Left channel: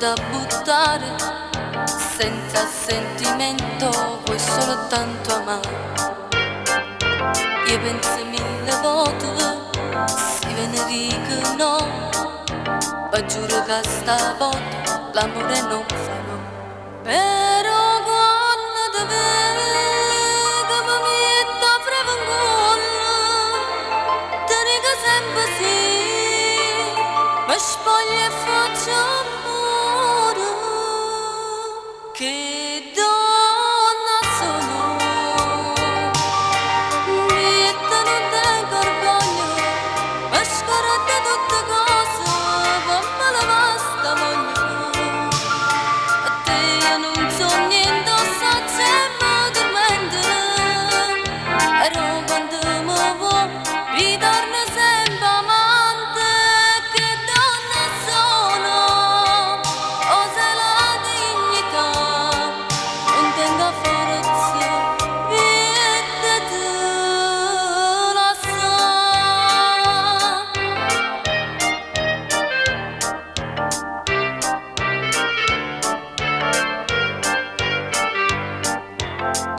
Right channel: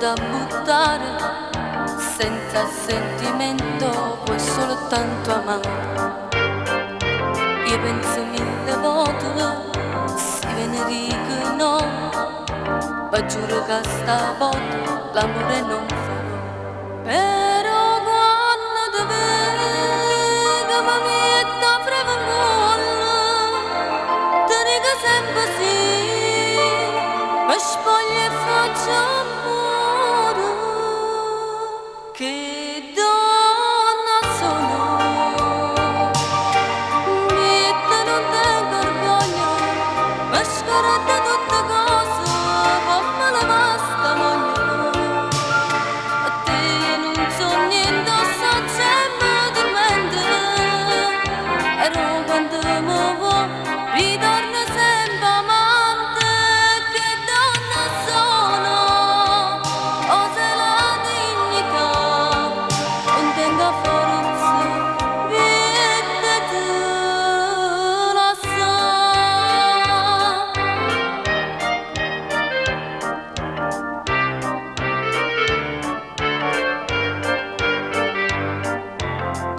da buttare, senza sentimento, vuoi soltanto amare. Io penso mille volte, si venerica no, ma giuro che stavolta l'amore non farò. Però quando ti vedo mi mette a frevangola, ti dico sempre sì, mi spoglio e faccio amore. Che donna sono, mette non tengo orgoglio, ma scorda tutte cose, fammi la vasta moglie. A te io non so niente, so sempre dormente, però quando mi vuoi ritorno sempre amante. Che donna sono, osa la dignità, non tengo forza, vita te la sa.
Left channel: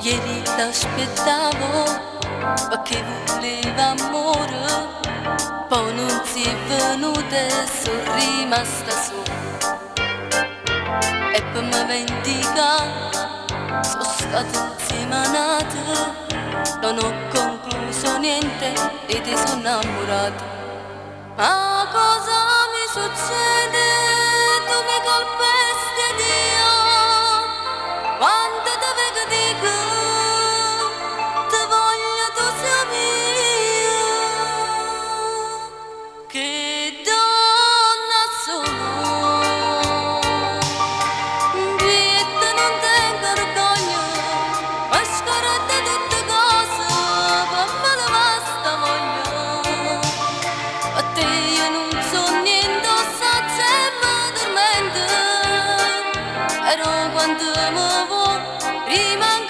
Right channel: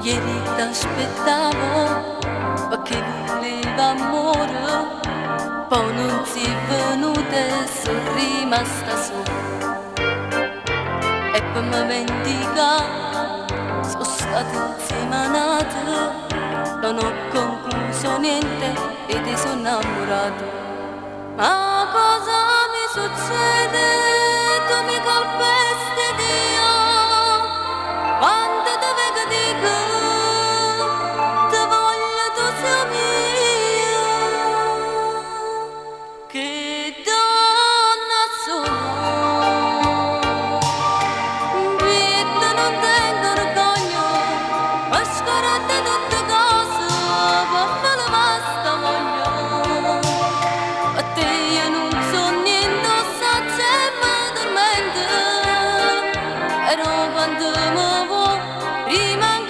Ieri t'aspettavo perché voleva amore, poi non si è venuta e sono rimasta sola. E per me vendicare sono stata insieme a nata, non ho concluso niente e ti sono innamorata. Ma cosa mi succede? Tu mi colpesti Dio quando ti vedo dico ti voglio, tu sei mia. Che donna sono, vita non tengo orgoglio, ma scorda tutte cose, fammi la vasta voglia. A te io non so niente, so sempre dormente, però quando mi vuoi rimango